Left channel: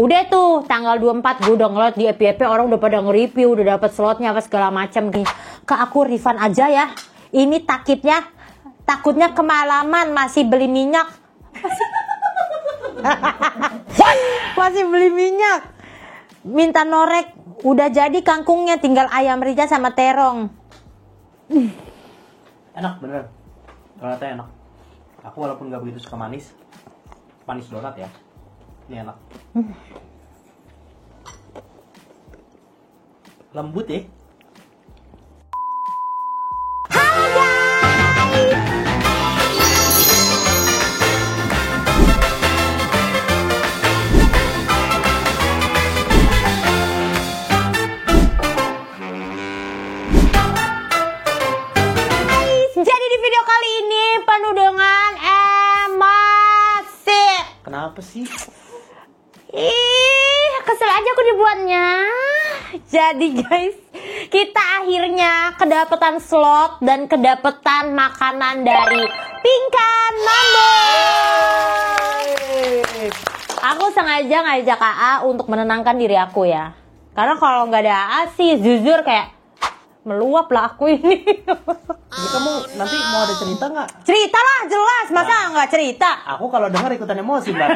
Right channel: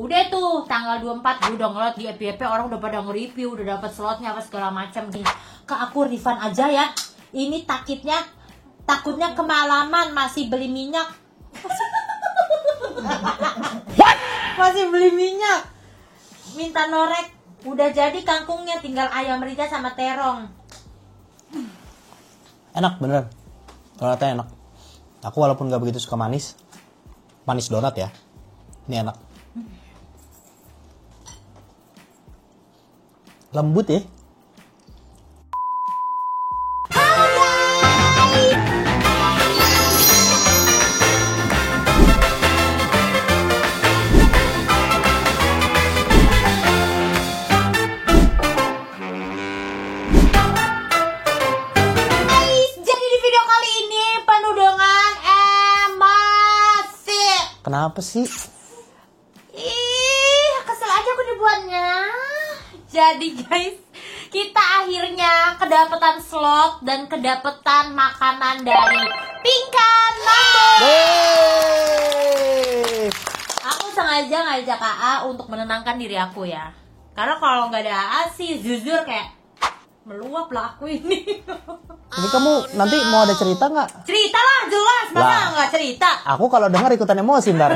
Udah tuh tanggal 24 gue udah ngeliat di FYP orang udah pada nge-review, udah dapet slotnya apa segala macam. Ke aku refund aja ya. Ini takutnya kemalaman masih beli minyak. Masih beli minyak. Minta norek. Udah jadi kangkungnya, tinggal ayam rica sama terong. Enak bener. Donatnya enak. Aku walaupun gak begitu suka manis donat ya. Ini enak. Lembut ya. Kenapa sih? Kesel aja aku dibuatnya. Jadi guys, kita akhirnya kedapetan slot dan kedapetan makanan dari Pingkan Mambo. Aku sengaja ngajak AA untuk menenangkan diri aku ya. Karena kalau nggak ada AA sih jujur kayak meluap lah aku ini. Jadi kamu nanti mau ada cerita nggak? Cerita lah jelas, masa nggak cerita? Aku kalau dengar ikutan emosi ntar.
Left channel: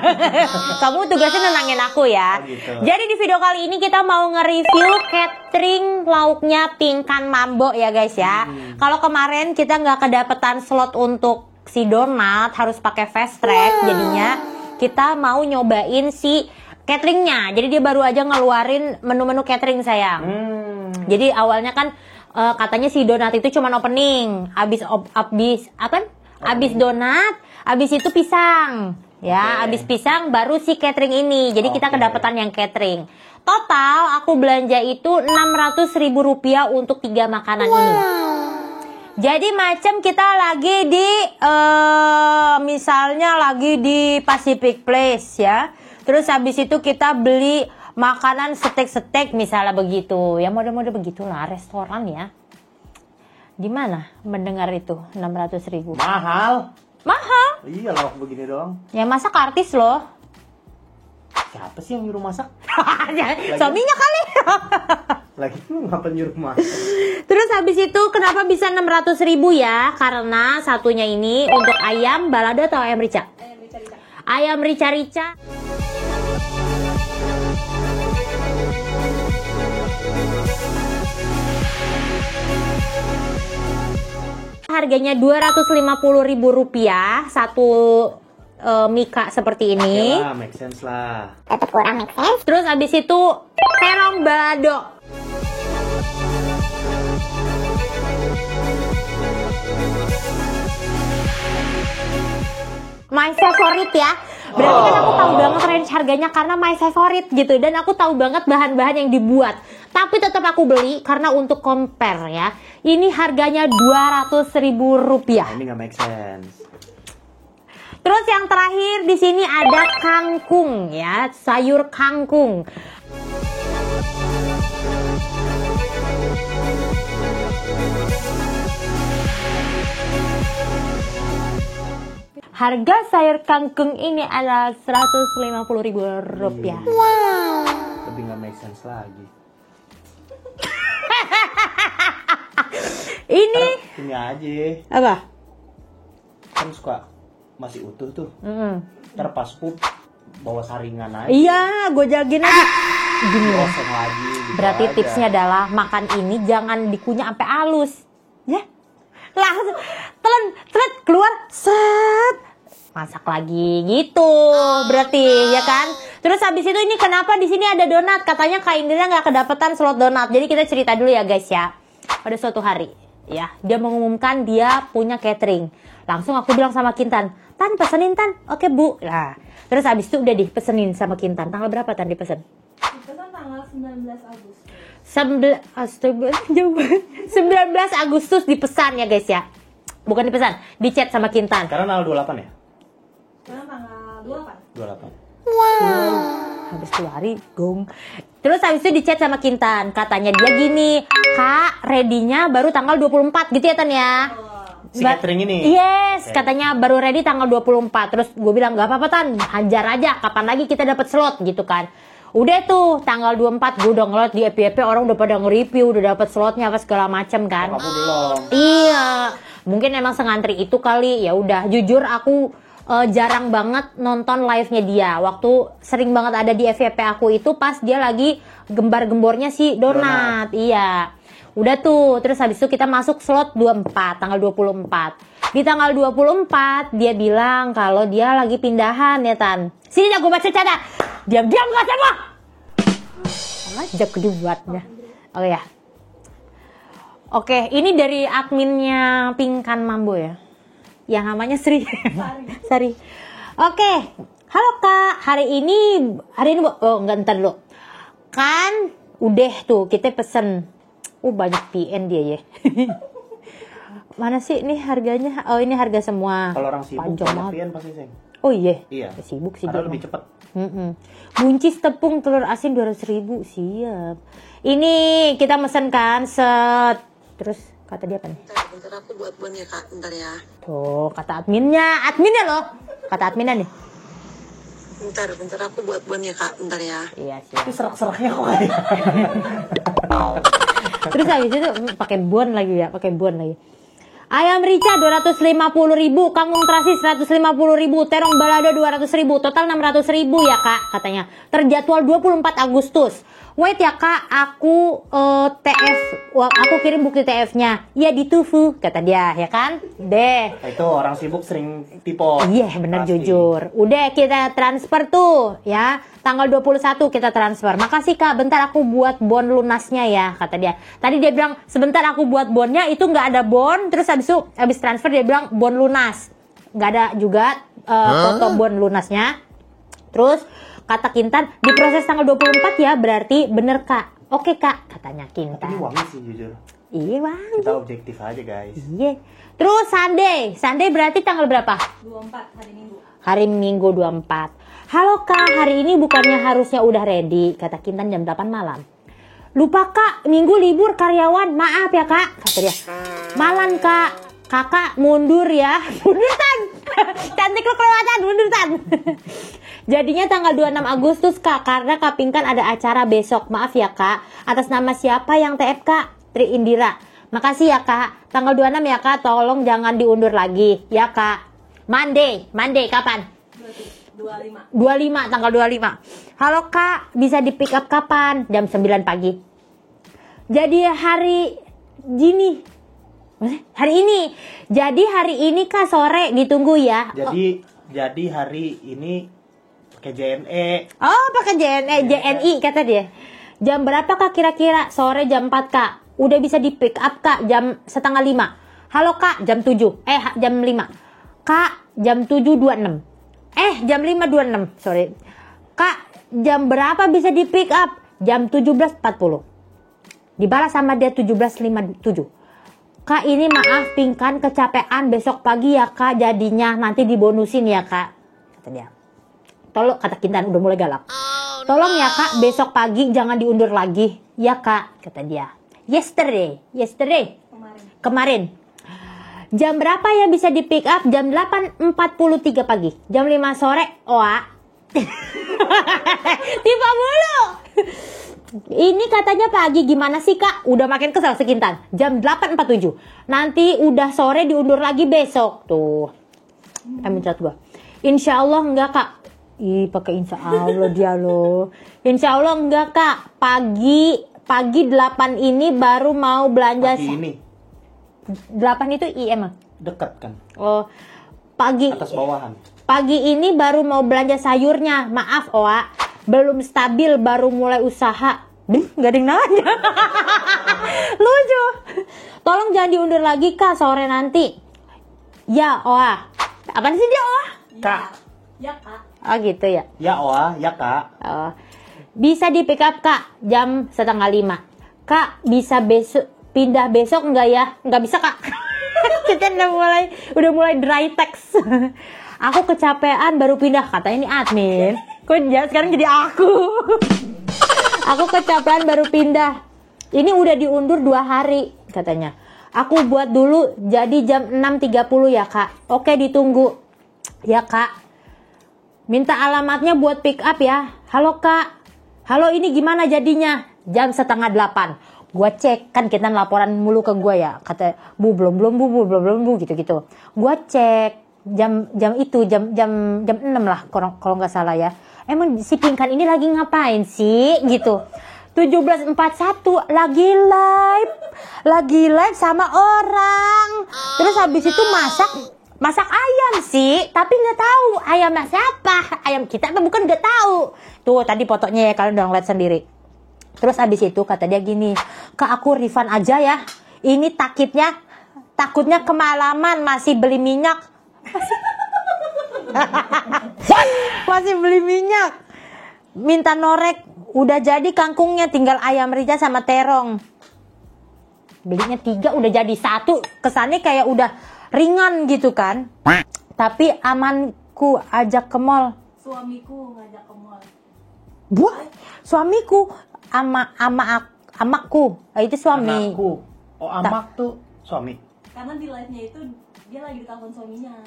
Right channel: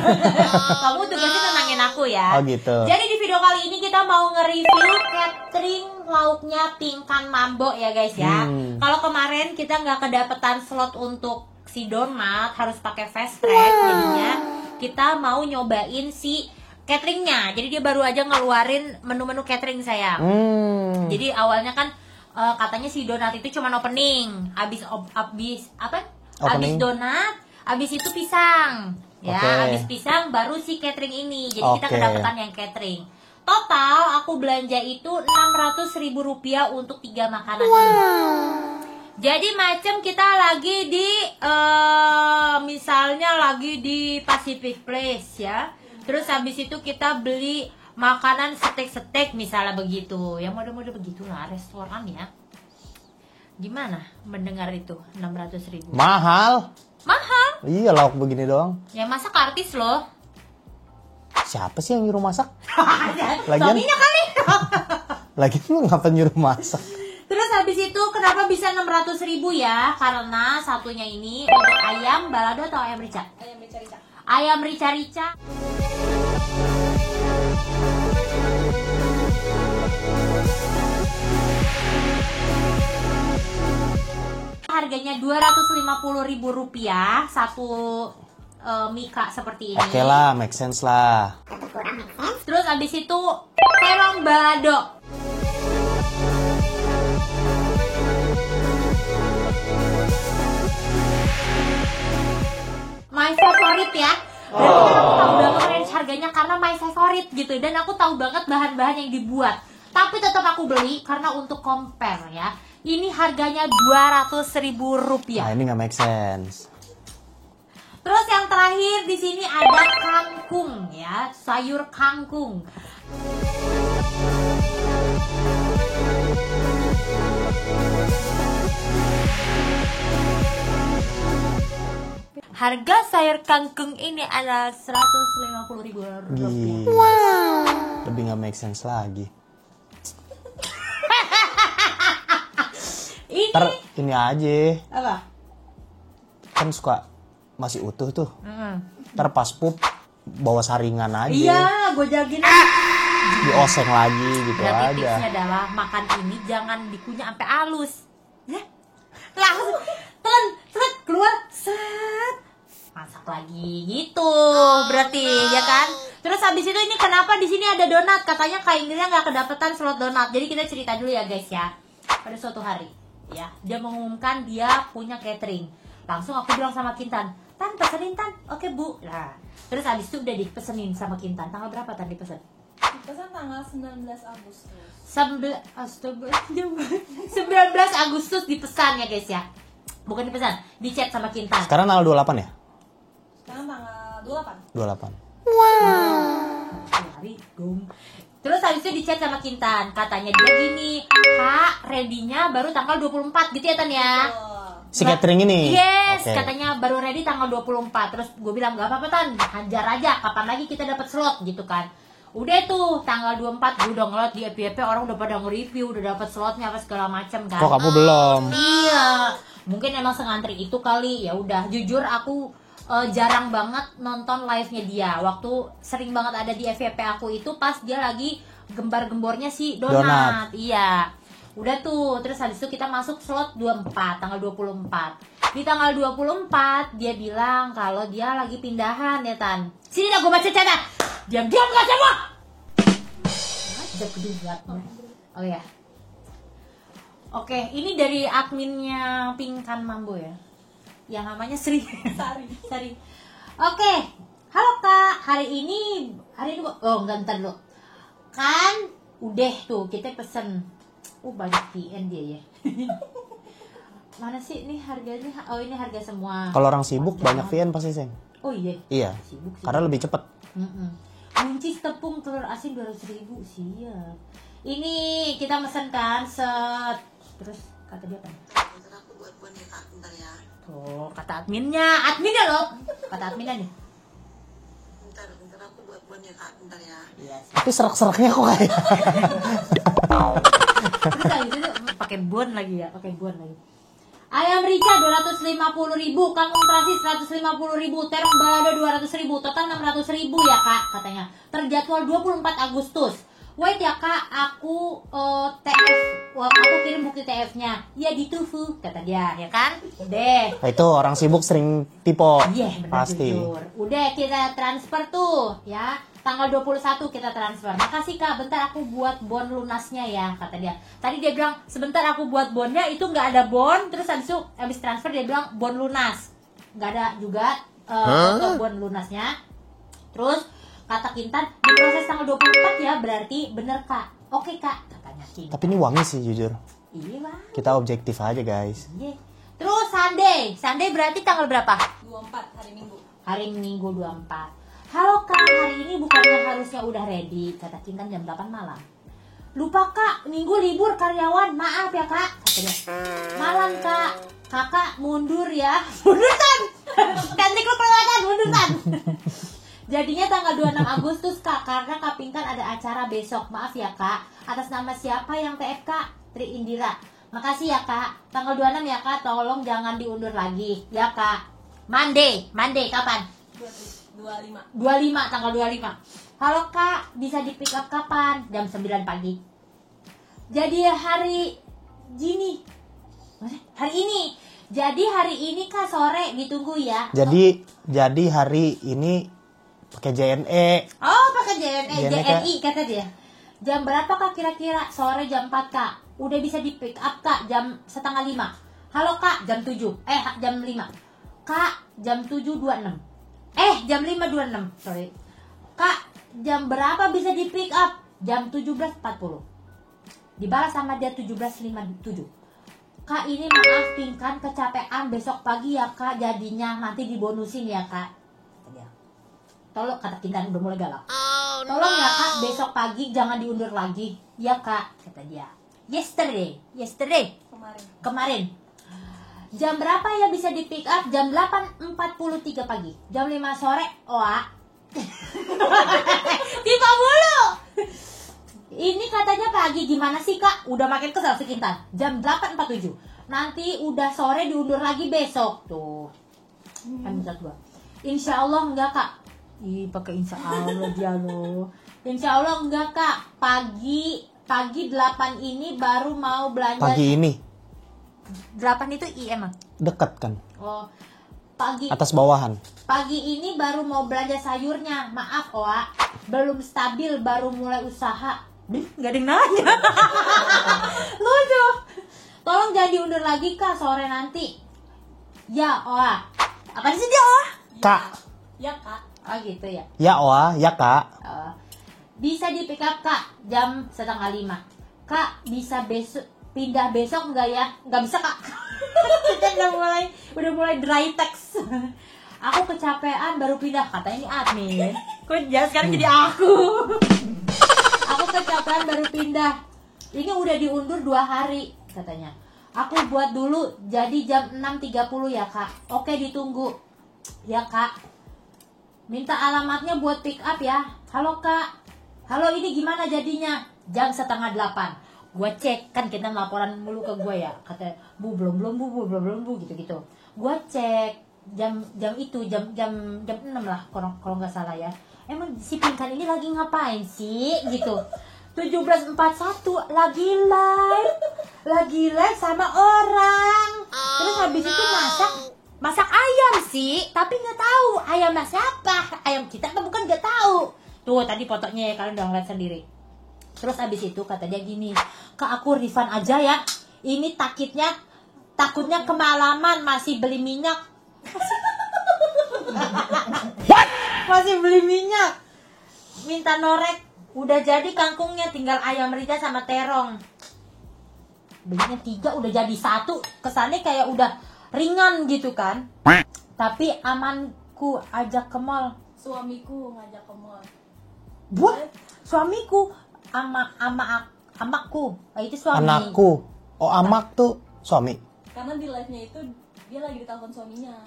Kamu tugasnya nenangin aku ya. Oh gitu. Jadi di video kali ini kita mau nge-review catering lauknya Pingkan Mambo ya guys ya. Kalau kemarin kita nggak kedapetan slot untuk si donat, harus pakai fast track, jadinya kita mau nyobain si cateringnya. Jadi dia baru aja ngeluarin menu-menu catering sayang. Jadi awalnya kan katanya si donat itu cuma opening, abis donat, abis itu pisang, ya, abis pisang baru si catering ini. Jadi kita kedapetan yang catering. Total aku belanja itu Rp600.000 untuk 3 makanan ini. Jadi macam kita lagi di misalnya lagi di Pacific Place ya. Terus habis itu kita beli makanan steak misalnya begitu. Ya mode-mode begitulah restoran ya. Gimana mendengar itu 600.000? Mahal. Iya lauk begini doang. Yang masak artis loh. Siapa sih yang nyuruh masak? Suaminya kali. Lagi ngapa nyuruh masak? Terus habis itu kenapa bisa 600.000 ya? Karena satunya ini untuk ayam balado atau ayam rica? Ayam rica-rica. Harganya Rp250.000 satu mika seperti ini. Oke lah, make sense lah. Tetap kurang make sense. Terus abis itu terong balado. My favorite ya. Berarti kan aku tahu banget range harganya karena my favorite gitu. Dan aku tahu banget bahan-bahan yang dibuat. Tapi tetap aku beli karena untuk compare ya. Ini harganya Rp200.000. Nah, ini nggak make sense. Terus yang terakhir di sini ada kangkung ya, sayur kangkung. Harga sayur kangkung ini adalah Rp150.000. Wow. Lebih nggak make sense lagi. Ini aja. Apa? Kan suka masih utuh tuh. Ntar pas pup bawa saringan aja. Iya, gue jagin. Oseng lagi gitu. Berarti tipsnya adalah makan ini jangan dikunyah sampai halus. Ya. Langsung telan keluar set. Masak lagi gitu. Berarti ya kan? Terus habis itu ini kenapa di sini ada donat? Katanya Kak Indira nggak kedapetan slot donat. Jadi kita cerita dulu ya guys ya. Pada suatu hari ya, dia mengumumkan dia punya catering. Langsung aku bilang sama Kintan, Tan pesenin Tan. Oke Bu. Nah, terus habis itu udah dipesenin sama Kintan. Tanggal berapa Tan dipesen? Dipesan tanggal 19 Agustus. 19 Agustus dipesan ya guys ya. Bukan dipesan, di chat sama Kintan. Sekarang tanggal 28 ya? Sekarang tanggal 28. Habis 2 hari gong. Terus habis itu di chat sama Kintan. Katanya dia gini, Kak ready-nya baru tanggal 24 gitu ya Tan ya. Si catering ini? Yes, katanya baru ready tanggal 24. Terus gue bilang gak apa-apa Tan, hajar aja, kapan lagi kita dapat slot gitu kan. Udah tuh tanggal 24 gue udah ngeliat di FYP orang udah pada nge-review, udah dapat slotnya apa segala macem kan. Kok kamu belum? Iya, mungkin emang sengantri itu kali. Ya udah, jujur aku jarang banget nonton live-nya dia. Waktu sering banget ada di FYP aku itu pas dia lagi gembar-gembornya si Donat. Iya. Udah tuh, terus habis itu kita masuk slot 24, tanggal 24. Di tanggal 24 dia bilang kalau dia lagi pindahan ya Tan. Sini aku baca cara. Diam-diam gak sama. Ajak keduanya. Oh ya. Oke, ini dari adminnya Pingkan Mambo ya. Yang namanya Sri. Sari. Oke. Halo Kak, hari ini oh enggak, ntar dulu. Kan udah tuh kita pesen. Banyak PN dia ya. Mana sih ini harganya? Oh ini harga semua. Kalau orang sibuk Panjang banyak banget. VN pasti Sen. Oh iya. Iya. Sibuk sih. Karena dia. lebih cepet. Buncis tepung telur asin 200.000 siap. Ini kita mesen kan set. Terus kata dia apa nih? Bentar aku buat bon ya Kak, bentar ya. Tuh kata adminnya loh. Kata adminnya nih. Bentar aku buat bon ya Kak, bentar ya. Iya sih. Itu serak-seraknya kok kayak. Terus habis itu pakai bon lagi ya, pakai bon lagi. Ayam rica 250.000, kangkung terasi 150.000, terong balado 200.000, total 600.000 ya Kak katanya. Terjadwal 24 Agustus. Wait ya Kak, aku aku kirim bukti TF-nya. Ya di TUFU kata dia ya kan. Deh. Itu orang sibuk sering tipe. Iya benar Pasti. jujur. Udah kita transfer tuh ya. Tanggal 21 kita transfer. Makasih Kak, bentar aku buat bon lunasnya ya, kata dia. Tadi dia bilang, sebentar aku buat bonnya, itu nggak ada bon. Terus habis transfer dia bilang bon lunas. Nggak ada juga foto bon lunasnya. Terus kata Kintan, diproses tanggal 24 ya, berarti bener Kak. Oke Kak, katanya Kintan. Tapi ini wangi sih jujur. Iya Bang. Kita objektif aja guys. Iya. Terus Sunday berarti tanggal berapa? 24 hari Minggu. Hari Minggu 24. Halo Kak, hari ini bukannya harusnya udah ready, kata Kintan jam 8 malam. Lupa Kak, Minggu libur karyawan, maaf ya Kak, kata dia. Malam Kak, Kakak mundur ya. Mundur Tan, cantik lu kelewatan, mundur Tan. Jadinya tanggal 26 Agustus Kak, karena Kak Pinkan ada acara besok. Maaf ya Kak, atas nama siapa yang TF Kak? Tri Indira. Makasih ya Kak, tanggal 26 ya Kak, tolong jangan diundur lagi. Ya Kak, Monday kapan? 25. Tanggal 25. Halo Kak, bisa di pick up kapan? Jam 9 pagi. Jadi hari ini. Jadi hari ini Kak sore ditunggu ya. Jadi hari ini pakai JNE. Oh, pakai JNI kata dia. Jam berapa Kak kira-kira? Sore jam 4 Kak. Udah bisa di pick up Kak jam 4:30. Halo Kak, jam 7. Jam 5. Kak, jam 7.26. Jam 5.26, sorry. Kak, jam berapa bisa di pick up? Jam 17.40. Dibalas sama dia 17.57. Kak, ini maaf Pinkan kecapean, besok pagi ya Kak, jadinya nanti dibonusin ya Kak, kata dia. Tolong, kata Kintan udah mulai galak. Tolong ya Kak, besok pagi jangan diundur lagi. Ya Kak, kata dia. Yesterday. Kemarin. Jam berapa ya bisa di pick up? Jam 8.43 pagi. Jam 5 sore. Tiba mulu. Ini katanya pagi, gimana sih Kak? Udah makin kesel si Kintan. Jam 8.47. Nanti udah sore diundur lagi besok. Tuh. Catat gua. Insya Allah enggak Kak. Ih, pakai insya Allah dia loh. Insya Allah enggak Kak. Pagi 8 ini baru mau belanja. Pagi ini 8 itu IM. dekat kan. Oh, pagi. Atas bawahan. Pagi ini baru mau belanja sayurnya. Maaf, Oa. Belum stabil, baru mulai usaha. Gak ada yang nanya. Lucu. Tolong jangan diundur lagi, Kak, sore nanti. Ya, Oa. Apaan sih dia, Oa? Kak. Ya Kak. Oh, gitu ya. Ya Oa, ya Kak. Oh. Bisa di pick up, Kak, jam 4:30. Kak, bisa besok pindah besok enggak ya? Enggak bisa, Kak. Kita udah mulai dry text. Aku kecapean baru pindah, kata ini admin. Kok sekarang jadi aku. Aku kecapean baru pindah. Ini udah diundur 2 hari katanya. Aku buat dulu jadi jam 6.30 ya Kak. Oke, ditunggu. Ya Kak. Minta alamatnya buat pick up ya. Halo Kak. Halo, ini gimana jadinya? Jam 7:30. Gua cek, kan kita laporan mulu ke gua ya. Kata, Bu belum Bu gitu-gitu. Gua cek jam itu jam 6 lah kalau nggak salah ya. Emang si Pinkan ini lagi ngapain sih gitu. 17:41 lagi live sama orang. Terus habis itu masak ayam sih, tapi nggak tahu ayamnya siapa, ayam kita apa bukan, nggak tahu. Tuh tadi fotonya ya, kalian udah ngeliat sendiri. Terus habis itu kata dia gini, Kak aku refund aja ya, ini takutnya kemalaman masih beli minyak. Masih beli minyak, minta norek, udah jadi kangkungnya, tinggal ayam rica sama terong. Belinya 3 udah jadi 1, kesannya kayak udah ringan gitu kan. Tapi amanku ajak ke mall. Suamiku ngajak ke mall. Buah, suamiku amakku. Itu suami. Anakku. Oh, amak tuh suami. Karena di live-nya itu dia lagi ditelepon suaminya.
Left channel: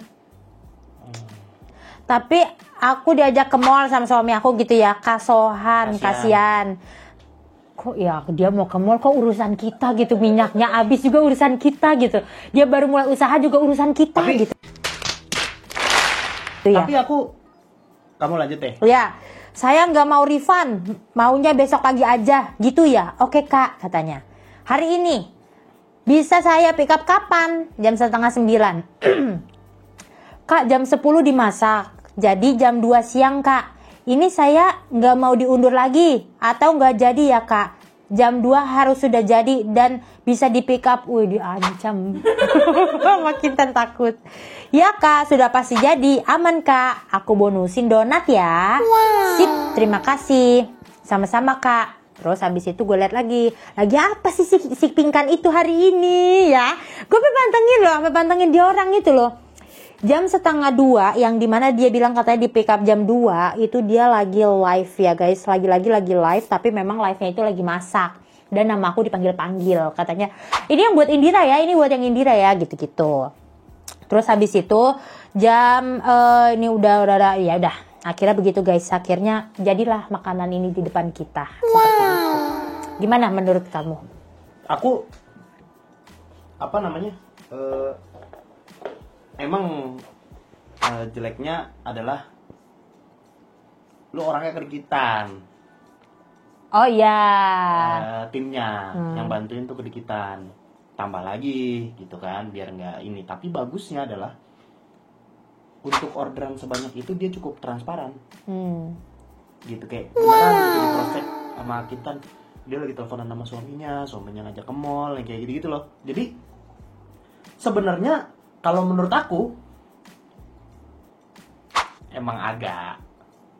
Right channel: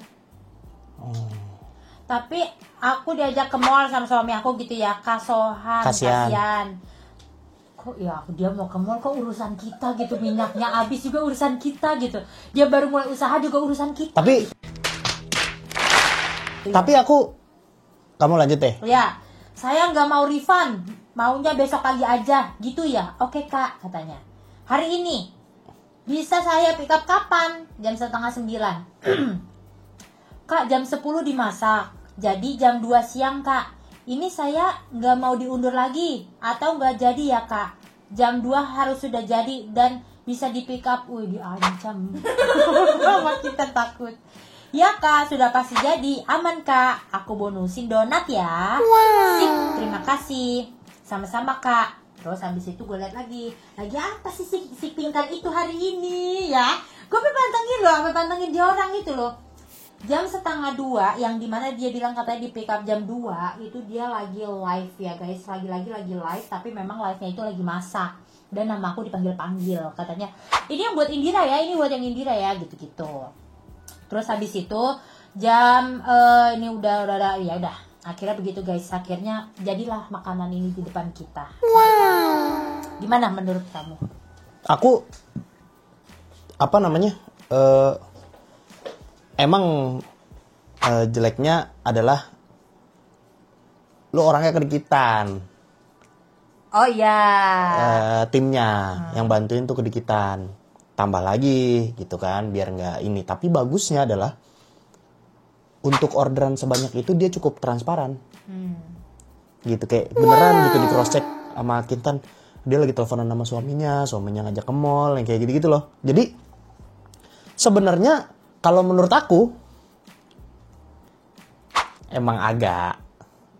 Tapi aku diajak ke mall sama suami aku gitu ya. Kasihan. Kok ya dia mau ke mall, kok urusan kita gitu, minyaknya habis juga urusan kita gitu. Dia baru mulai usaha juga urusan kita. Tapi gitu. Itu ya. Tapi kamu lanjut deh. Ya, saya nggak mau refund, maunya besok pagi aja, gitu ya. Oke Kak, katanya. Hari ini, bisa saya pick up kapan? Jam 8:30. Kak, jam 10 dimasak, jadi jam 2 siang Kak. Ini saya nggak mau diundur lagi, atau nggak jadi ya Kak. Jam 2 harus sudah jadi dan bisa di pick up. Wih, diancam. Makin takut. Ya Kak, sudah pasti jadi. Aman Kak, aku bonusin donat ya. Sip, terima kasih. Sama-sama Kak. Terus habis itu gue lihat lagi apa sih si Pinkan itu hari ini ya. Gue pantengin dia orang itu loh. Jam 1:30 yang dimana dia bilang katanya di pick up jam 2, itu dia lagi live ya guys. Lagi live, tapi memang live-nya itu lagi masak. Dan nama aku dipanggil-panggil. Katanya, ini yang buat Indira ya, ini buat yang Indira ya, gitu-gitu. Terus habis itu jam ini udah ya udah. Akhirnya begitu guys, akhirnya jadilah makanan ini di depan kita. Wow. Gimana menurut kamu? Aku emang jeleknya adalah lu orangnya kedikitan. Oh iya. Timnya yang bantuin tuh kedikitan. Tambah lagi gitu kan biar nggak ini. Tapi bagusnya adalah untuk orderan sebanyak itu dia cukup transparan. Gitu kayak beneran gitu di cross check sama Kintan. Dia lagi teleponan sama suaminya ngajak ke mall yang kayak gitu-gitu loh. Jadi sebenarnya kalau menurut aku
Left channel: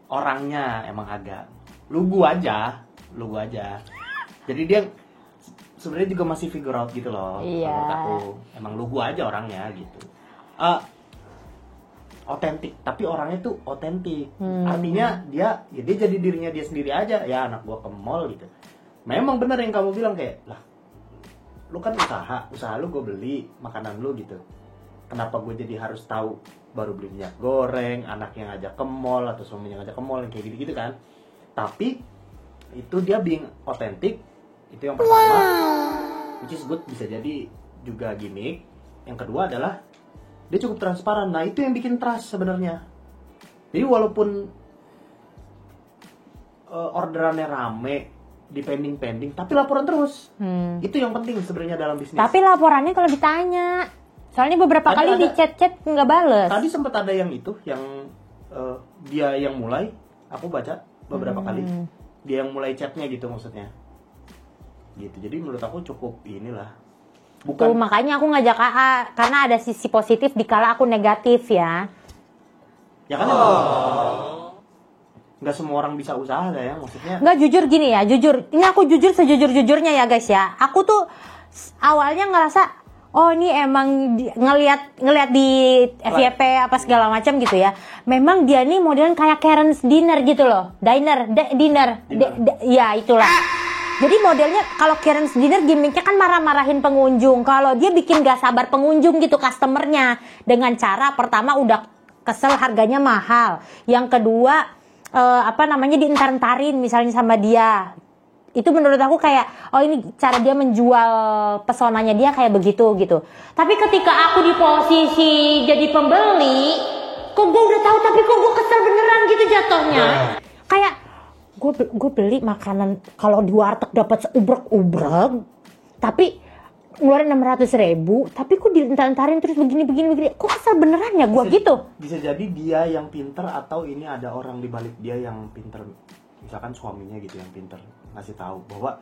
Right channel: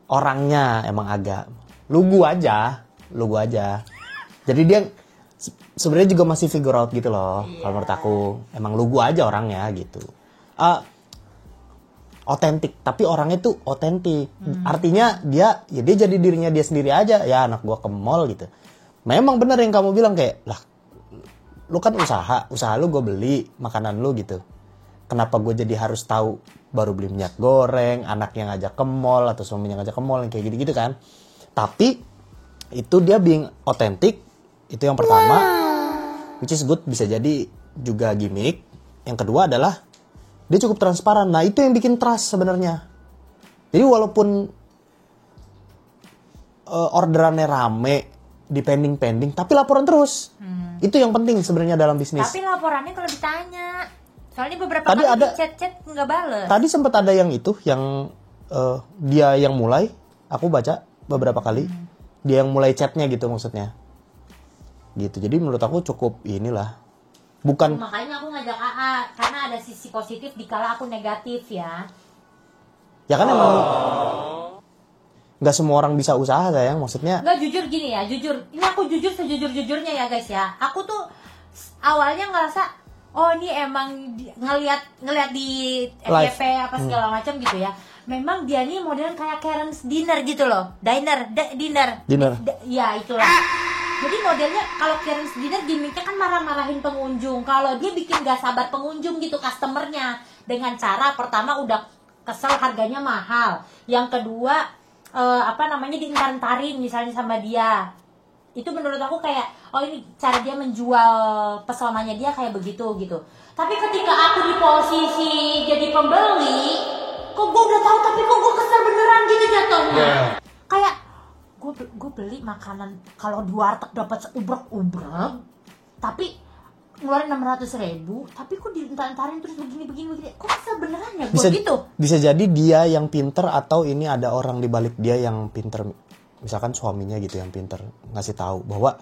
orangnya emang agak lugu aja. Jadi dia sebenarnya juga masih figure out gitu loh. Iya. Kalau menurut aku emang lugu aja orangnya gitu. Otentik, tapi orangnya tuh otentik. Artinya dia jadi dirinya dia sendiri aja. Ya anak gua ke mall gitu. Memang benar yang kamu bilang kayak lah, lu kan usaha lu gue beli makanan lu gitu. Kenapa gue jadi harus tahu baru beli minyak goreng, anaknya ngajak ke mall atau suaminya ngajak ke mall yang kayak gitu-gitu kan. Tapi itu dia being otentik, itu yang pertama. Which is good, bisa jadi juga gimmick. Yang kedua adalah dia cukup transparan. Nah itu yang bikin trust sebenarnya. Jadi walaupun orderannya rame, pending, tapi laporan terus. Itu yang penting sebenarnya dalam bisnis. Tapi laporannya kalau ditanya, soalnya beberapa Tadi kali di chat nggak bales. Tadi sempat ada yang itu, yang dia yang mulai, aku baca beberapa kali, dia yang mulai chatnya gitu maksudnya. Gitu, jadi menurut aku cukup inilah. Bukan. Makanya aku ngajak AA, karena ada sisi positif dikala aku negatif ya. Ya kan emang nggak semua orang bisa usaha sayang, maksudnya. Nggak, jujur gini ya, ini aku jujur sejujur-jujurnya ya guys ya. Aku tuh awalnya ngerasa, oh ini emang ngelihat di FYP apa segala macam gitu ya. Memang dia nih modelan kayak Karen's Dinner gitu loh. Dinner. Ya itulah. Jadi modelnya kalau Karen's Dinner gimmicknya kan marah-marahin pengunjung. Kalau dia bikin gak sabar pengunjung gitu customernya. Dengan cara pertama udah kesel harganya mahal. Yang kedua dientar-entarin misalnya sama dia. Itu menurut aku kayak, oh ini cara dia menjual pesonanya dia kayak begitu gitu. Tapi ketika aku di posisi jadi pembeli, kok gue udah tahu tapi kok gue kesel beneran gitu jatuhnya. Kayak gue beli makanan kalau di warteg dapat seubrek-ubrek, tapi ngeluarin 600.000, tapi kok dientar-entarin terus begini, kok kesel beneran ya gue gitu. Bisa jadi dia yang pinter atau ini ada orang di balik dia yang pinter, misalkan suaminya gitu yang pinter ngasih tahu bahwa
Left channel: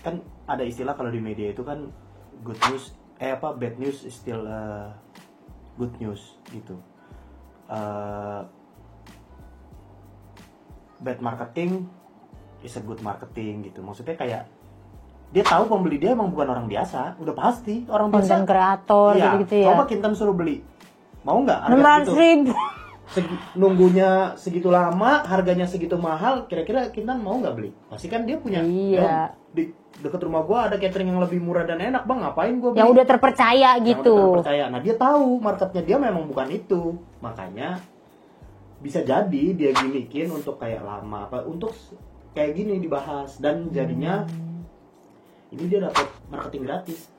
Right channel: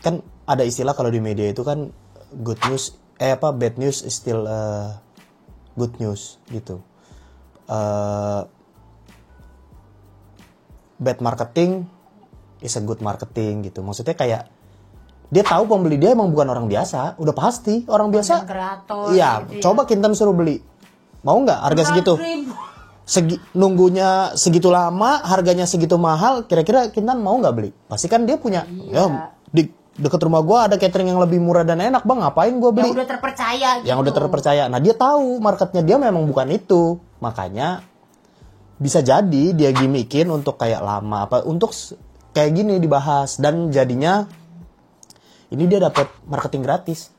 kan ada istilah kalau di media itu kan bad news is still good news gitu. Bad marketing is a good marketing gitu. Maksudnya kayak dia tahu pembeli dia emang bukan orang biasa, udah pasti orang biasa. Kreator iya, gitu ya. Coba Kintan suruh beli, mau nggak harga segitu? Nunggunya segitu lama, harganya segitu mahal, kira-kira Kintan mau nggak beli? Pasti kan dia punya. Iya. Di deket rumah gue ada catering yang lebih murah dan enak, bang, ngapain gue beli? Yang udah terpercaya gitu. Yang udah terpercaya. Nah dia tahu marketnya dia memang bukan itu, makanya bisa jadi dia gimmickin untuk kayak lama untuk kayak gini dibahas dan jadinya. Ini dia dapat marketing gratis.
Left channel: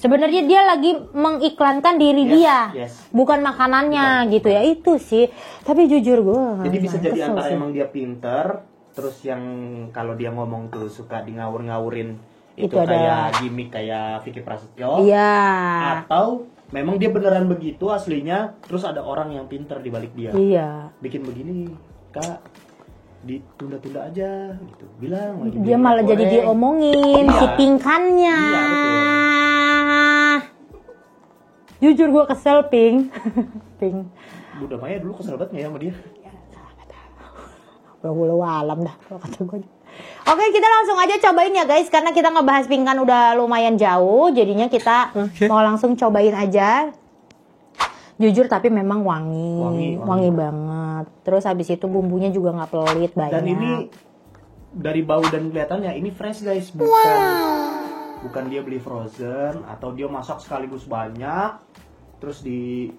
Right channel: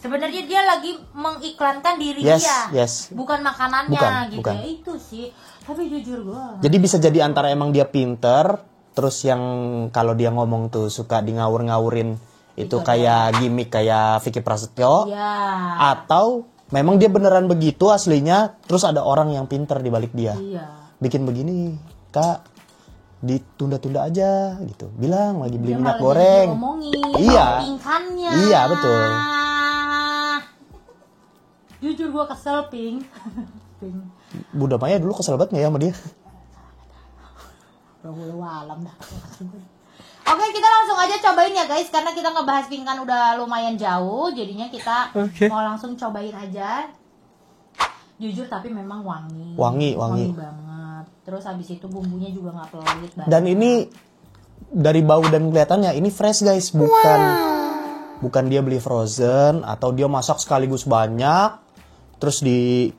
Sebenarnya dia lagi mengiklankan diri dia, bukan makanannya gitu ya, itu sih. Tapi jujur gue. Jadi bisa jadi antara emang dia pinter, terus yang kalau dia ngomong tuh suka di ngawur-ngawurin itu kayak gimmick kayak Vicky Prasetyo. Iya. Atau memang dia beneran begitu aslinya, terus ada orang yang pinter di balik dia. Iya. Bikin begini, Kak. Ditunda-tunda aja gitu, bilang lagi beli dia malah goreng. Jadi diomongin pingkannya. Iya betul. Jujur gue kesel Pink. Bunda Maya dulu kesel banget nggak ya sama dia? Walau alam dah. Oke, kita langsung aja cobain ya guys, karena kita ngebahas pingkan udah lumayan jauh, jadinya kita mau langsung cobain aja. Jujur tapi memang wangi banget. Terus habis itu bumbunya juga nggak pelit banyak. Dan ini dari bau dan kelihatannya ini fresh guys, bukan dia beli frozen atau dia masak sekaligus banyak terus di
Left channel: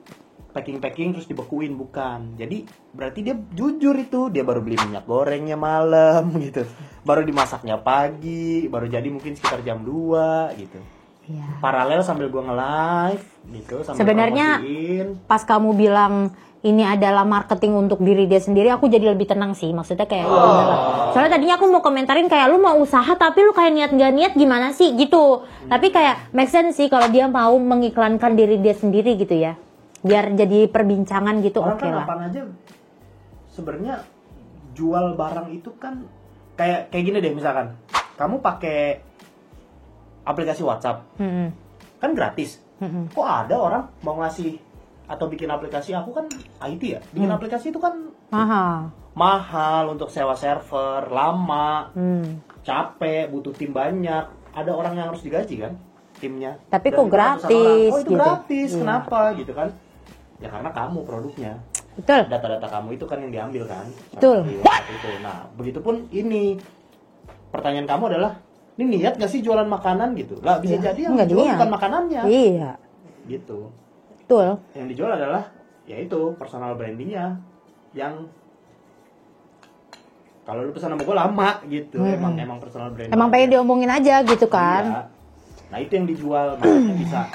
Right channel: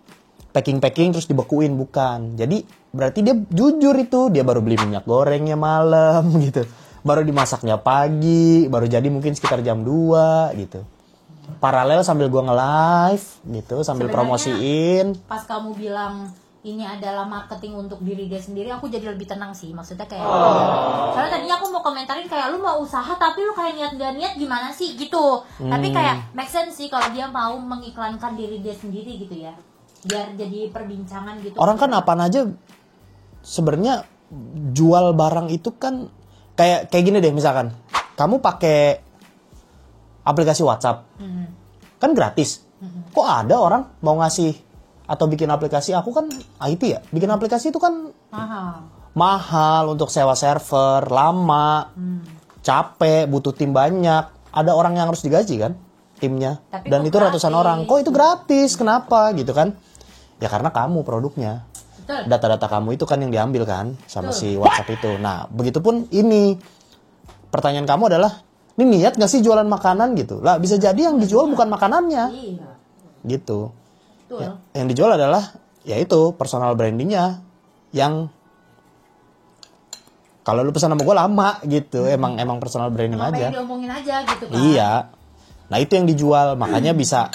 packing terus dibekuin, bukan. Jadi berarti dia jujur itu dia baru beli minyak gorengnya malam gitu, baru dimasaknya pagi, baru jadi mungkin sekitar jam 2 gitu. Ya. Paralel sambil gua nge-live gitu, sambil sebenarnya, promosiin. Pas kamu bilang ini adalah marketing untuk diri dia sendiri, aku jadi lebih tenang sih. Maksudnya kayak soalnya tadinya aku mau komentarin kayak lu mau usaha tapi lu kayak niat gak niat gimana sih gitu. Tapi kayak make sense sih kalau dia mau mengiklankan diri dia sendiri gitu ya, biar jadi perbincangan gitu. Orang kan apaan aja sebenarnya jual barang itu kan kayak gini deh, misalkan kamu pakai aplikasi WhatsApp kan gratis. Kok ada orang mau ngasih atau bikin aplikasi, aku kan IT ya, bikin aplikasi itu kan mahal untuk sewa server, lama, capek, butuh tim banyak, ada orang yang harus digaji kan timnya. Tapi dan itu gratis, ratusan orang, kok itu gitu. gratis, kenapa gitu kan? Ya karena kamu produknya. Betul. Data-data kamu itu kan yang diambil kan sama si WhatsApp itu. Nah begitupun ini, pertanyaan kamu adalah, ini niat gak sih jualan makanan gitu? Lah bisa jadi yang dijual bukan makanannya. Iya. Gitu. Betul. Yang dijual adalah yaitu personal brandingnya yang kalau lu pesan sama gue lama gitu. Emang personal branding emang aja. pengen diomongin aja gitu kan. Iya. Nah itu yang dijual, makanya bisa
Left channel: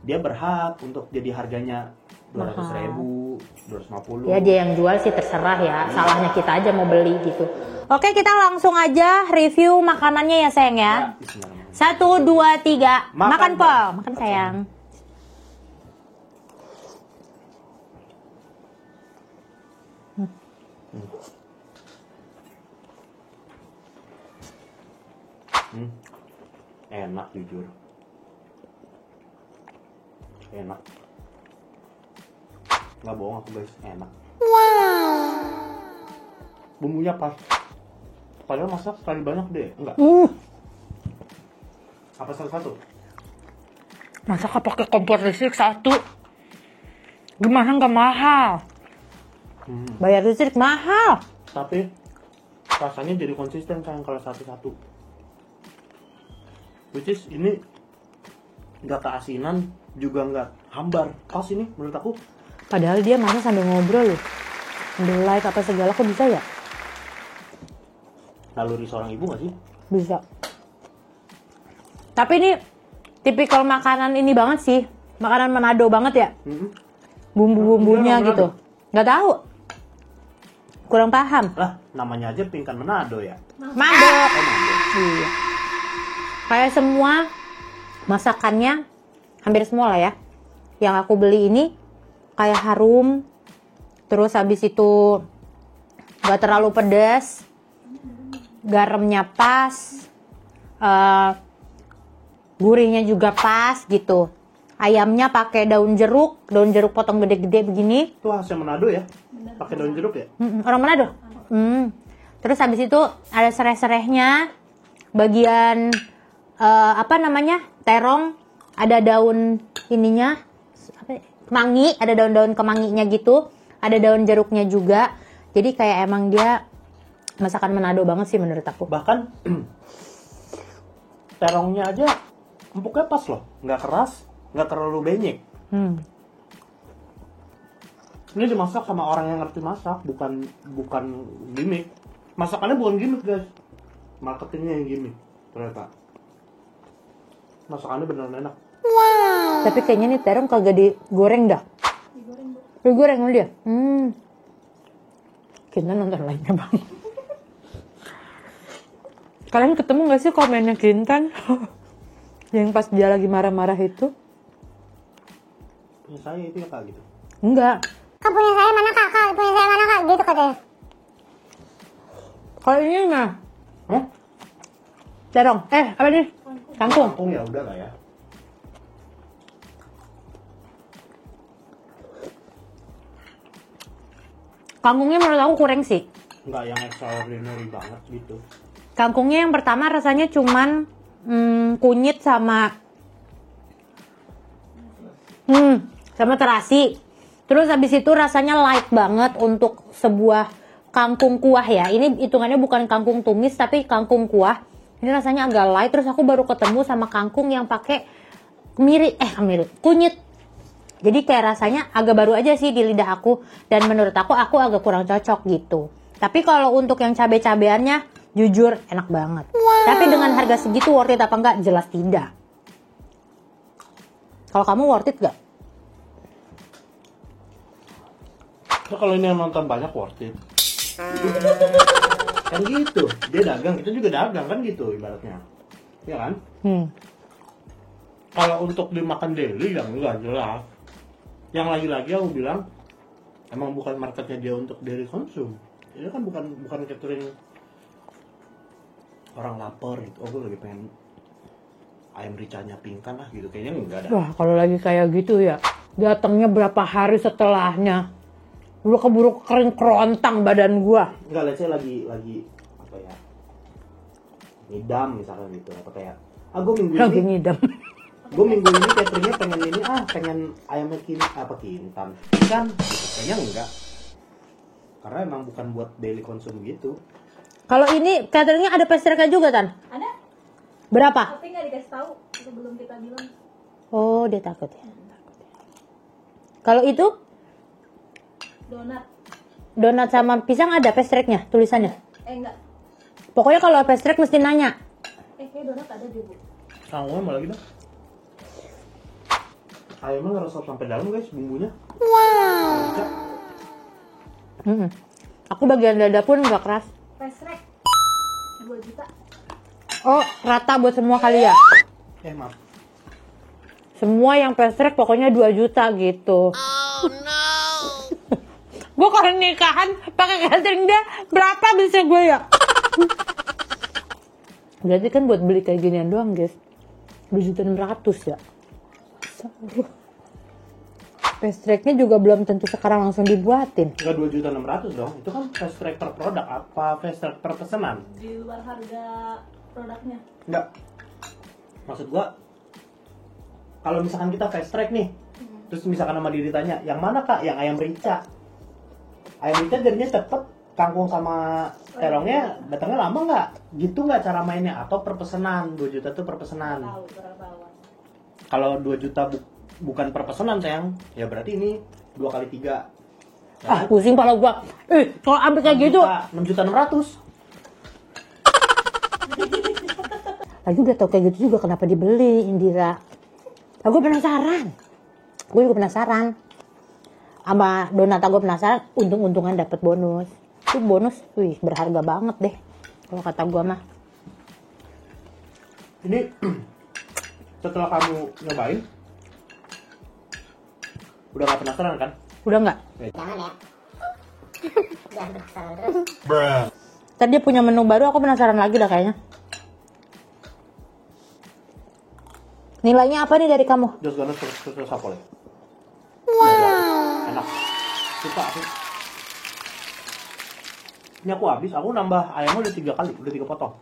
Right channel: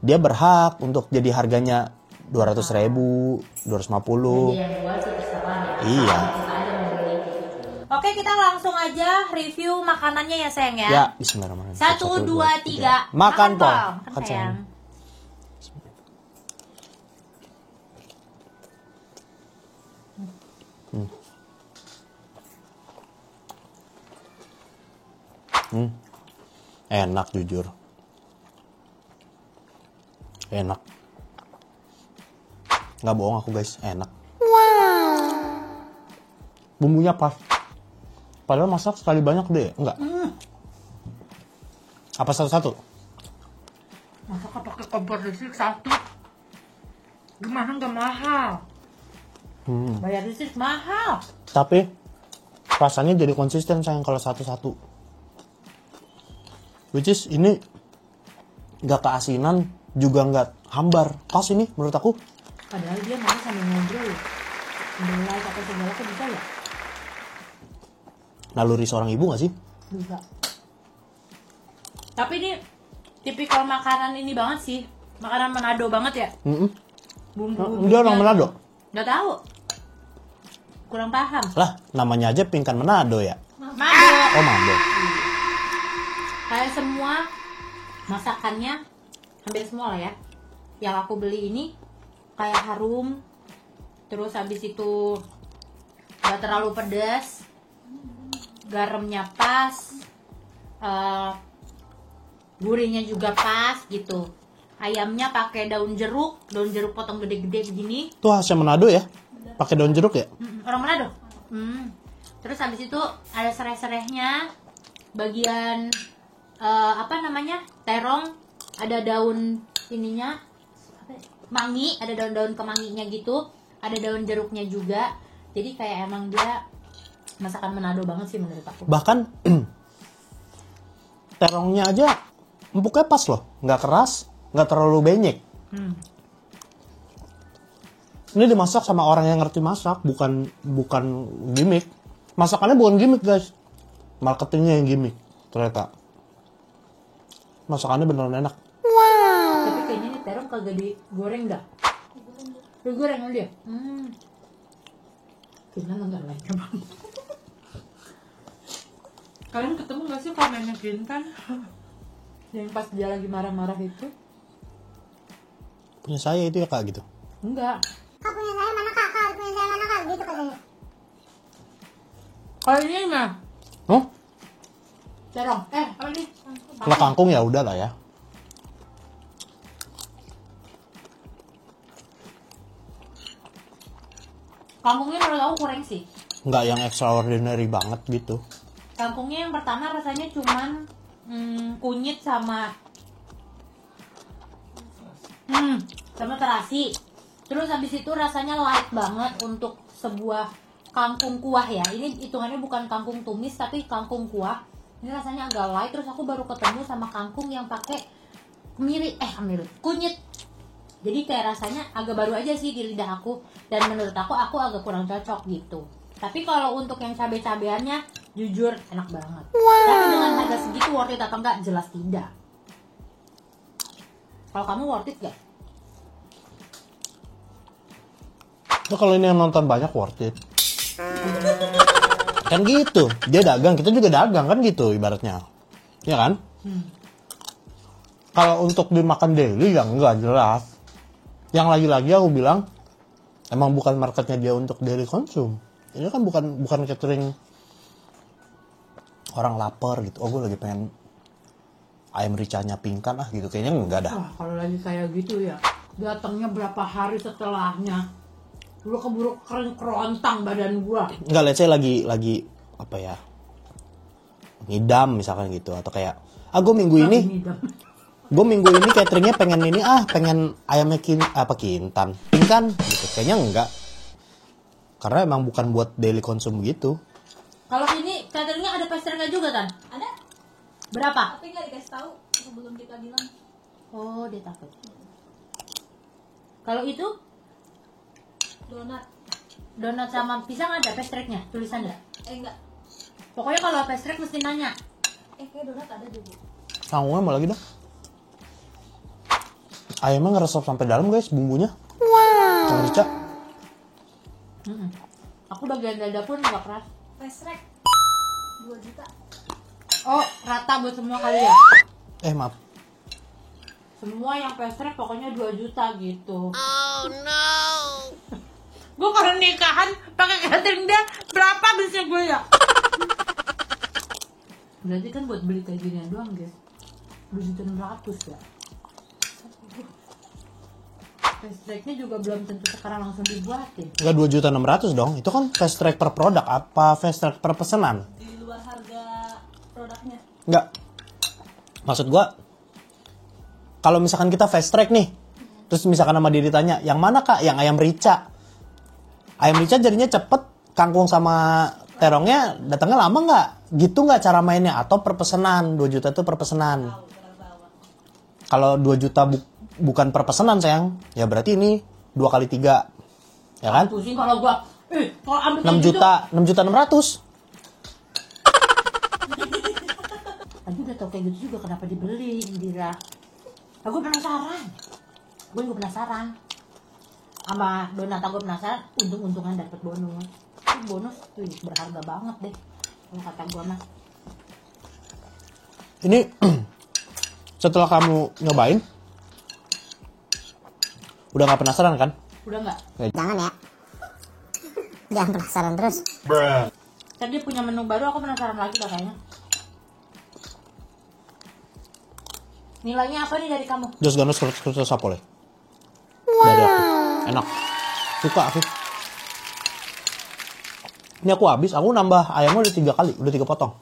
dia berhak untuk jadi harganya 200.000, 250. Ya dia yang jual sih terserah ya. Iya. Salahnya kita aja mau beli gitu. Oke, kita langsung aja review makanannya ya sayang ya. Ya, bismillahirrahmanirrahim. 1, 2, 3. Makan Pak. Makan sayang. Enak jujur. Enak. Nggak bohong aku guys, enak. Bumbunya pas. Padahal masak sekali banyak deh, enggak? Apa satu-satu? Masa pakai kompor listrik satu? Gimana nggak mahal? Bayar listrik mahal. Tapi rasanya jadi konsisten sayang kalau satu-satu. Which is ini nggak keasinan juga nggak hambar. Pas ini menurut aku. Padahal dia mana sambil ngobrol loh. Belai apa segala kok bisa ya? Naluri seorang ibu gak sih? Bisa. Tapi ini tipikal makanan ini banget sih. Makanan Manado banget ya. Mm-mm. Bumbu-bumbunya Dia orang Manado? gitu. Nggak tahu. Kurang paham. Lah, namanya aja pingkan Manado ya. Mado. Oh, Manado. Iya. Kayak semua masakannya hampir semua lah ya. Yang aku beli ini kayak harum. Terus habis itu nggak terlalu pedas. Garamnya pas. Gurihnya juga pas gitu. Ayamnya pakai daun jeruk potong gede-gede begini. Itu khasnya Manado ya? Pakai daun jeruk ya? Orang Manado. Terus habis itu ada serai-serainya, bagian apa namanya, terong, ada daun ininya, kemangi, ada daun-daun kemanginya gitu, ada daun jeruknya juga. Jadi kayak emang dia masakan Manado banget sih menurut aku. Bahkan terongnya aja empuknya pas loh, nggak keras, nggak terlalu benyek. Ini dimasak sama orang yang ngerti masak, bukan gimmick. Masakannya bukan gimmick guys, marketingnya yang gimmick ternyata. Masakannya beneran enak. Tapi kayaknya nih terong kagak digoreng dah. Digoreng sama dia. Kita nonton lainnya bang. Kalian ketemu gak sih komennya Kintan? Yang pas dia lagi marah-marah itu? Punya saya itu ya kak gitu. Enggak. Kak punya saya mana kak? Kak punya saya mana kak? Gitu katanya. Kalau ini mah Hah? terong. Apa nih? Kalau Kangkung. kangkung ya udah lah ya. Kangkungnya menurut aku kurang sih. Nggak yang extraordinary banget gitu. Kangkungnya yang pertama rasanya cuman kunyit sama terasi. Terus habis itu rasanya light banget untuk sebuah kangkung kuah ya. Ini hitungannya bukan kangkung tumis tapi kangkung kuah. Ini rasanya agak light. Terus aku baru ketemu sama kangkung yang pakai kunyit. Jadi kayak rasanya agak baru aja sih di lidah aku. Dan menurut aku agak kurang cocok gitu. Tapi kalau untuk yang cabe-cabeannya, jujur enak banget. Tapi dengan harga segitu worth it apa enggak? Jelas tidak. Kalau kamu worth it gak? Nah, kalau ini yang nonton banyak worth it. Kan gitu, dia dagang, kita juga dagang kan gitu ibaratnya. Ya kan? Kalau untuk dimakan daily yang enggak jelas. Yang lagi-lagi aku bilang emang bukan marketnya dia untuk daily konsum. Ini kan bukan catering orang lapar gitu. Oh gue lagi pengen ayam ricanya pingkan gitu. Kayaknya enggak dah. Wah kalau lagi kayak gitu ya, datangnya berapa hari setelahnya. Udah keburu kering kerontang badan gua. Enggak, let's say lagi apa ya, ngidam misalkan gitu. Atau kayak gue minggu Lagi ini ngidam. gue minggu ini cateringnya pengen ayamnya kintan gitu. Kayaknya enggak, karena emang bukan buat daily konsum gitu. Kalau ini cateringnya ada pastry juga Tan? Ada, Berapa? tapi nggak dikasih tahu sebelum kita bilang. Oh dia takut. Kalau itu donat sama pisang ada pastry-nya tulisannya. Enggak. Pokoknya kalau pastry mesti nanya. Kayak donat ada juga. Gue mau lagi dong. Ayamnya ngeresap sampai dalam guys bumbunya. Wow. Rica. Aku bagian dada pun nggak keras. Pesrek 2 juta. Oh rata buat semua kali ya? Maaf. Semua yang pastry pokoknya 2 juta gitu. Oh no. Gue kalau nikahan pakai catering dia berapa bisa gue ya? Berarti kan buat beli kayak ginian doang guys 2.600.000 ya. Pastry-nya juga belum tentu sekarang langsung dibuatin. Enggak 2.600.000 dong. Itu kan fast track per produk apa fast track per pesanan? Di luar harga produknya. Enggak. Maksud gua kalau misalkan kita fast track nih. Terus misalkan sama dia ditanya, "Yang mana Kak? Yang ayam rica." Ayam rica jadinya cepet, kangkung sama terongnya datangnya lama nggak? Gitu nggak cara mainnya? Atau per pesanan? 2 juta tuh per pesanan. Kalau 2 juta bukan per pesanan sayang, ya berarti ini 2 kali 3. Ya kan? Pusing kalau gua. Kalau ambil 6 kayak gitu, juta, 6 juta 600. aku udah tau kayak gitu juga kenapa dibeli Indira. Aku penasaran. Gue juga penasaran. Sama Donata gue penasaran, untung-untungan dapat bonus. Itu bonus, wih berharga banget deh. Kalau kata gue mah. Ini setelah kamu nyobain, udah gak penasaran kan? Udah nggak? Jangan ya. Jangan penasaran terus. Tadi dia punya menu baru, aku penasaran lagi dah kayaknya. Nilainya apa nih dari kamu? Jos Ganos Khusus Sapole. Wow. Enak. Suka aku. Ini aku habis, aku nambah ayamnya udah 3 kali, udah 3 potong.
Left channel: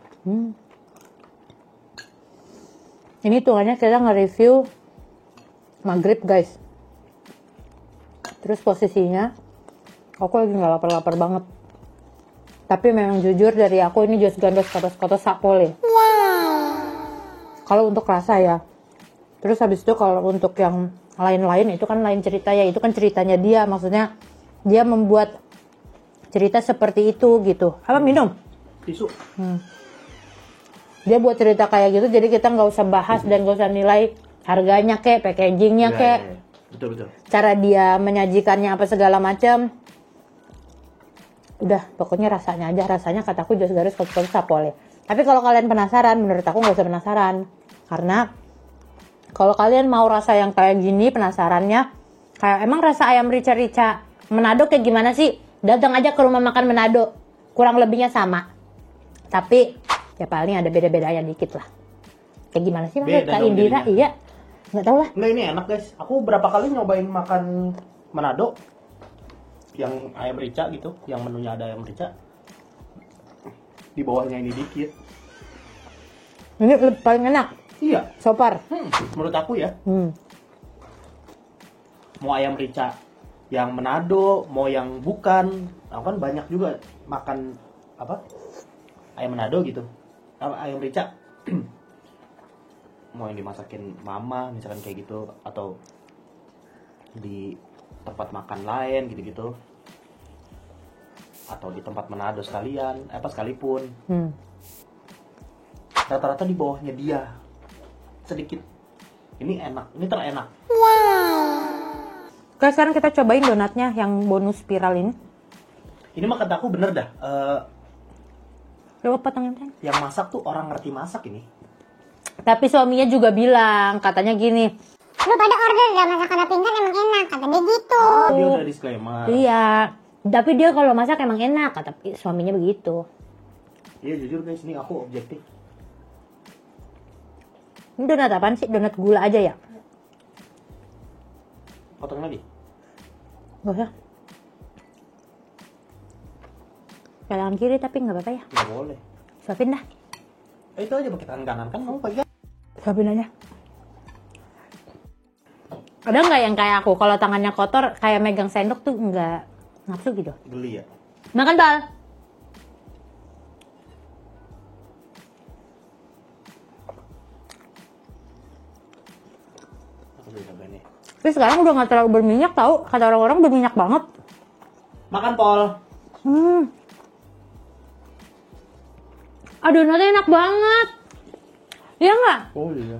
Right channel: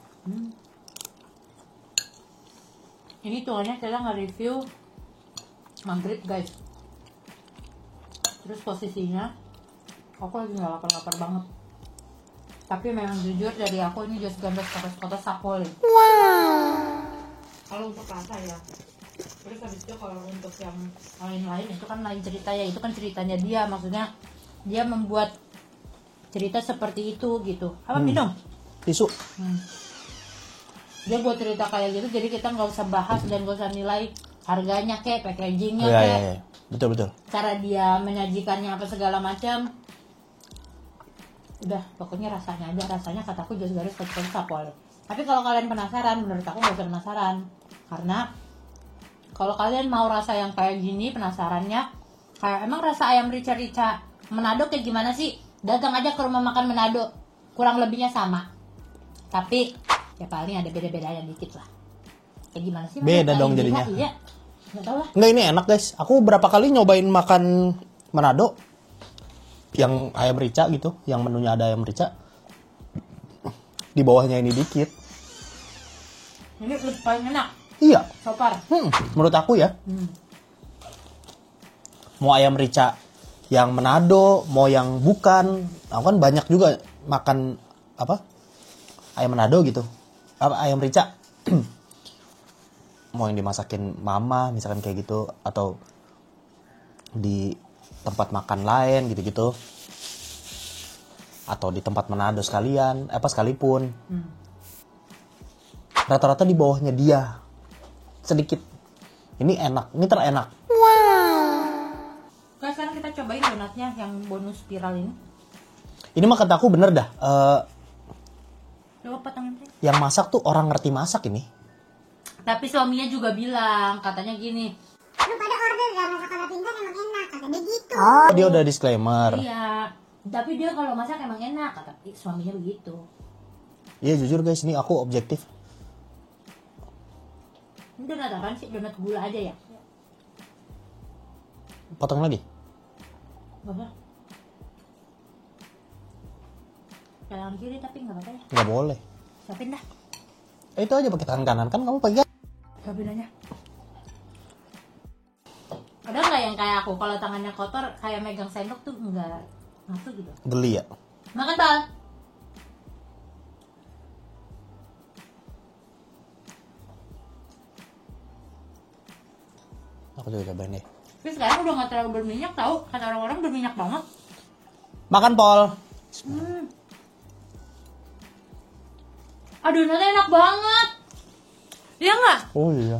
Ini tuhannya kita nge-review maghrib guys. Terus posisinya aku lagi nggak lapar-lapar banget. Tapi memang jujur dari aku ini Jos Gandos Kotos Sapole. Kalau untuk rasa ya. Terus habis itu kalau untuk yang lain-lain itu kan lain ceritanya. Itu kan ceritanya dia, maksudnya dia membuat cerita seperti itu gitu. Apa minum? Tisu. Dia buat cerita kayak gitu, jadi kita nggak usah bahas dan nggak usah nilai harganya kek, packagingnya Iya, kek, iya. Betul. cara dia menyajikannya apa segala macam. Udah, pokoknya rasanya aja, rasanya kataku Jos Garos Kotos Sapole. Tapi kalau kalian penasaran, menurut aku nggak usah penasaran, karena kalau kalian mau rasa yang kayak gini, penasarannya kayak emang rasa ayam rica-rica Manado kayak gimana sih? Datang aja ke rumah makan Manado, kurang lebihnya sama. Tapi ya paling ada beda-bedanya dikit lah. Kayak gimana sih menurut Beda Kak dong Indira? jadinya. Iya, nggak tahu lah. Nggak, ini enak guys. Aku berapa kali nyobain makan Manado yang ayam rica gitu, yang menunya ada ayam rica. Di bawahnya ini dikit. Ini paling enak. Iya. So far. Menurut aku ya. Hmm. Mau ayam rica yang Manado, mau yang bukan. Aku kan banyak juga makan apa? Ayam Manado gitu. Ayam rica. Mau yang dimasakin mama misalkan kayak gitu, atau di tempat makan lain gitu-gitu, atau di tempat Manado sekalian, sekalipun, rata-rata di bawahnya dia sedikit. Ini enak, ini terenak. Oke, sekarang kita cobain donatnya yang bonus spiral ini. Ini mah kata aku bener dah. Coba potongin. Yang masak tuh orang ngerti masak ini. Tapi suaminya juga bilang, katanya gini, Lu pada order dah masakan pinggan emang enak, kata dia gitu. Dia udah disclaimer. iya, tapi dia kalau masak emang enak, kata suaminya begitu. Iya jujur guys, ini aku objektif. Ini donat apaan sih? Donat gula aja ya? Potong lagi. Gak usah. Pelangan kiri tapi nggak apa-apa ya. Nggak boleh. Suapin dah. Itu aja pakai tangan kanan kan kamu pegang. Suapin aja. Ada nggak yang kayak aku? Kalau tangannya kotor, kayak megang sendok tuh nggak nafsu gitu. Geli ya. Makan bal. Aku juga cobain deh. Tapi sekarang udah nggak terlalu berminyak tau. Kata orang-orang berminyak banget. Makan Pol. Adonannya enak banget. Iya nggak? Oh iya.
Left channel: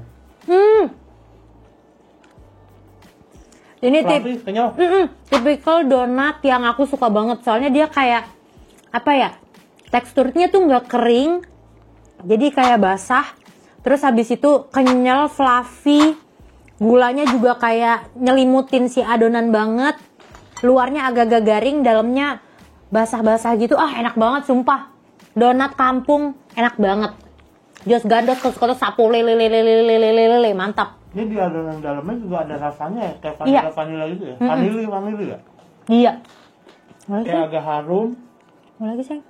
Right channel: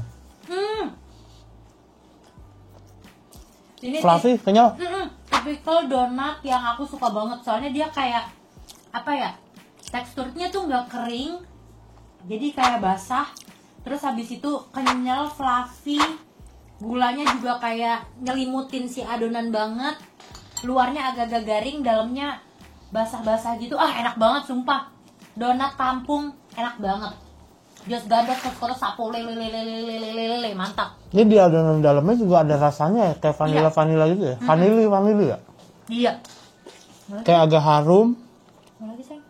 Ini Fluffy, kenyal. tipikal donat yang aku suka banget. Soalnya dia kayak apa ya? Teksturnya tuh nggak kering. Jadi kayak basah. Terus habis itu kenyal, fluffy. Gulanya juga kayak nyelimutin si adonan banget. Luarnya agak-agak garing, dalamnya basah-basah gitu. Enak banget sumpah. Donat kampung enak banget. Jos Gandos Kotos Sapole lele mantap. Ini di adonan dalamnya juga ada rasanya ya, kayak vanilla gitu ya. Vanili ya. Iya. Kayak agak harum. Mau lagi sayang?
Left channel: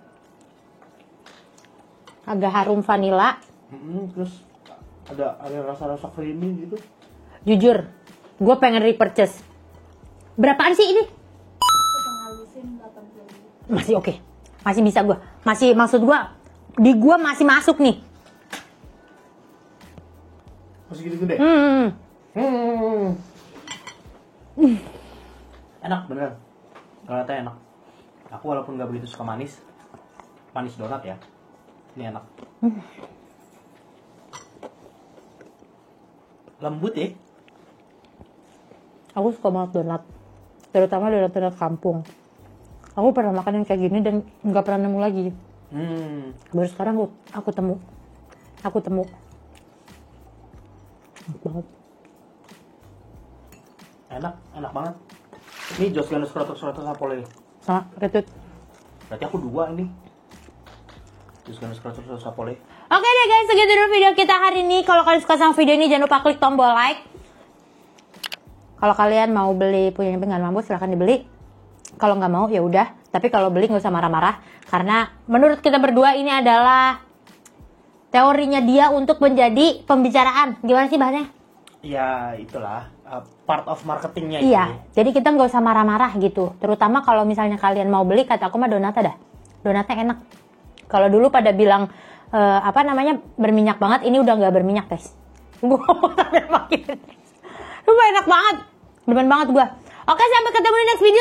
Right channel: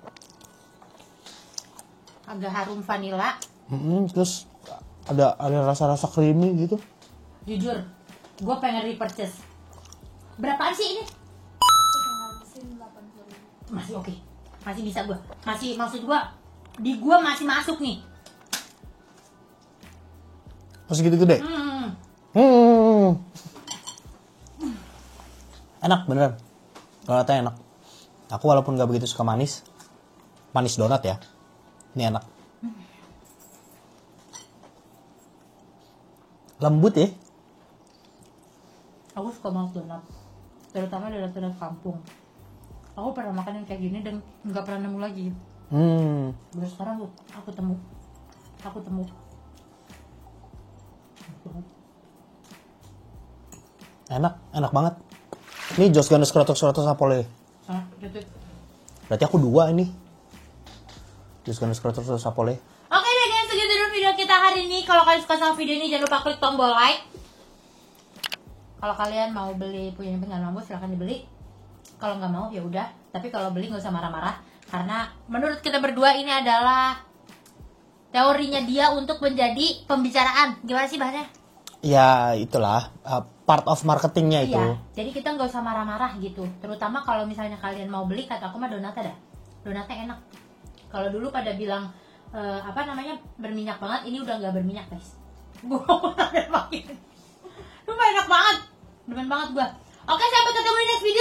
Agak harum vanila. Terus ada rasa-rasa creamy gitu. Jujur, gue pengen repurchase. Berapaan sih ini? Halusin 80.000. Masih oke. Masih bisa gue. Masih, maksud gue, di gue masih masuk nih. Masih gitu gede. Enak beneran. Donatnya enak. Aku walaupun gak begitu suka manis donat ya. Ini enak. Lembut ya. Aku suka banget donat, terutama donat kampung. Aku pernah makan yang kayak gini dan nggak pernah nemu lagi. Baru sekarang aku temu. Enak banget. Enak banget. Ini Jos Ganes Krotok-Krotok Sapole. Sama retut. Berarti aku 2 ini. Jos Ganes Krotok-Krotok Sapole. Oke deh guys, segitu dulu video kita hari ini. Kalau kalian suka sama video ini, jangan lupa klik tombol like. Kalau kalian mau beli punyanya Pinggan Mambo, silahkan dibeli. Kalau nggak mau ya udah. Tapi kalau beli nggak usah marah-marah, karena menurut kita berdua ini adalah teorinya dia untuk menjadi pembicaraan. Gimana sih bahannya? Ya itulah part of marketingnya itu. Iya. Jadi kita nggak usah marah-marah gitu. Terutama kalau misalnya kalian mau beli, kata aku mah donatnya dah. Donatnya enak. Kalau dulu pada bilang berminyak banget, ini udah nggak berminyak guys. Gue mau sampai makin. Enak banget. Demen banget gue. Oke, sampai ketemu di next video.